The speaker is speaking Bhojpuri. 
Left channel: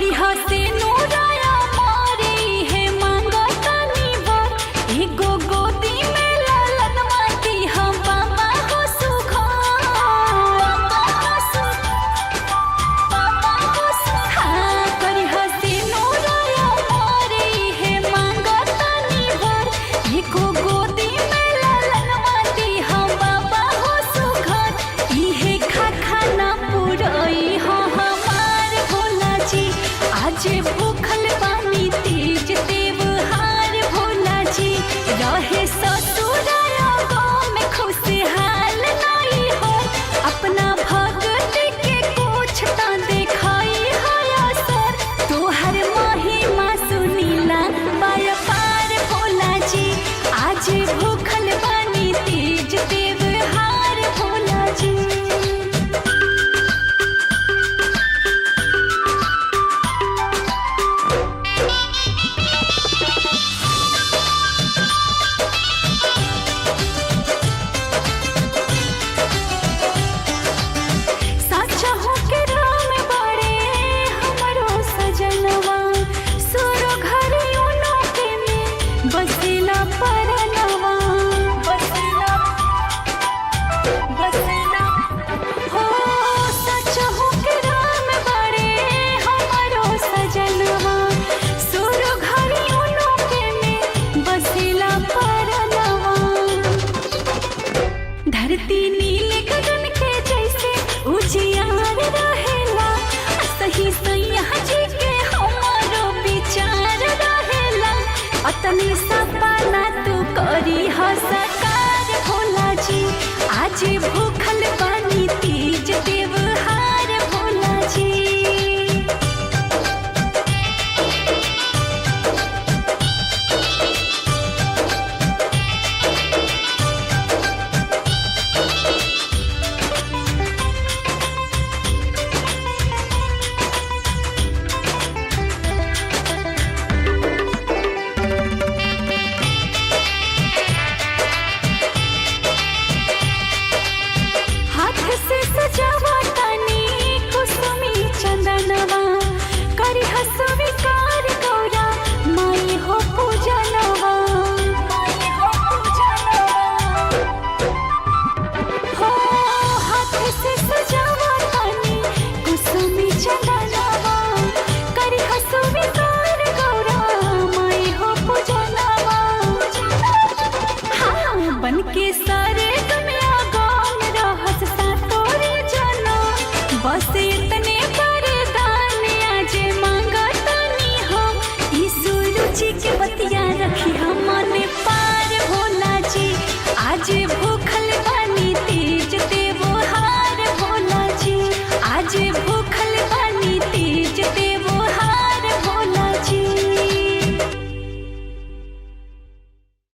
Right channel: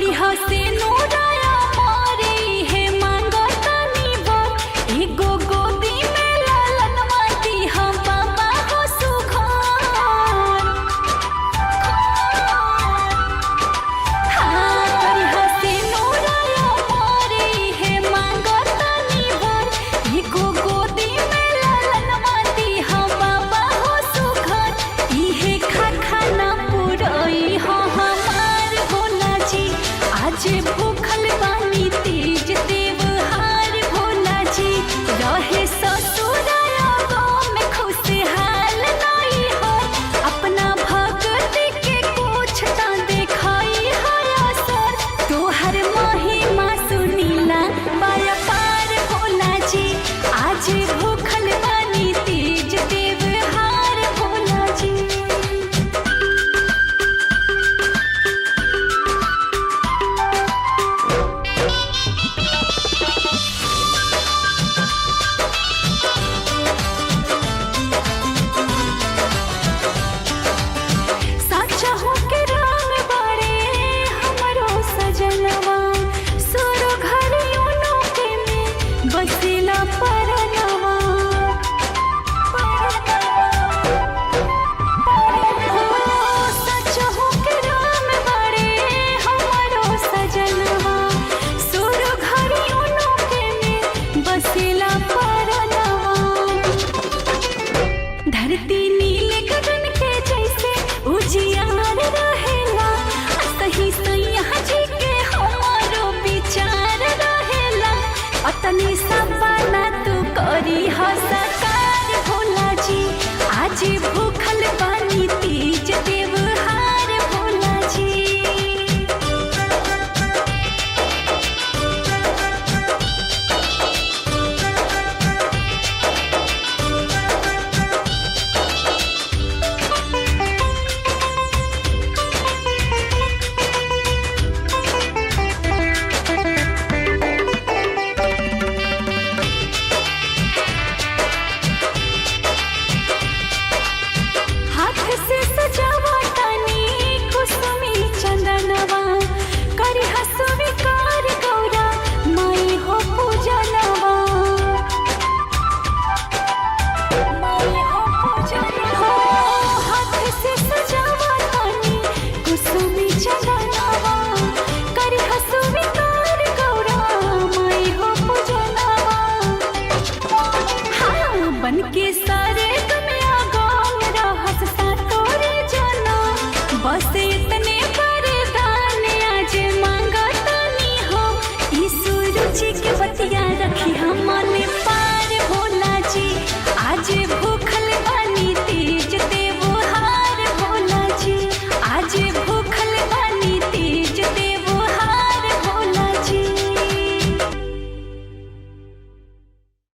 करी हसे नूराया मारे है मांगतानी बर एगो गोदी में लालन माटी हम बाबा हो सुघर। हाँ करी हसे नूराया मारे है मांगतानी बर एगो गोदी में लालन माटी हम बाबा हो सुघर। इहे खा खाना पुरई हो हमार भोला जी आज भूखल बानी तेज त्योहार भोला जी रहे ससुराया गाँव में खुशहाल नहीं हो अपना भगत के कुछ तो देखाई है असर तोहर महिमा सुनीला बाया पार भोला जी आज भूखल बानी तेज त्योहार भोला जी। चाहूं के राम बाड़े हमरो सजनवा सुरो घरी उनो के में बसेला परनवा हो सचहूं के राम बाड़े हमरो सजनवा सुरो घरी उनो के में बसेला परनवा। धरती नील गगन के जैसे उजियार रहेला सही सैया जी के हमारो विचार रहेला अतनी सपना तू करी हसकार भोला जी आज भूखल बानी तीज त्योहार भोला जी। हाथ से सजावा तनी कुसुमी चंदनवा करी हसविकार गौरा माई हो पूजनवा हो हाथ से सजावा तनी कुसुमी चंदनवा करी हसविकार गौरा माई हो पूजनवा। हाँ बन के सारे बस इतने वरदान आज मांगतानी हम ईसु रुचि के बतिया रखी हम मन पार भोला जी आज भूख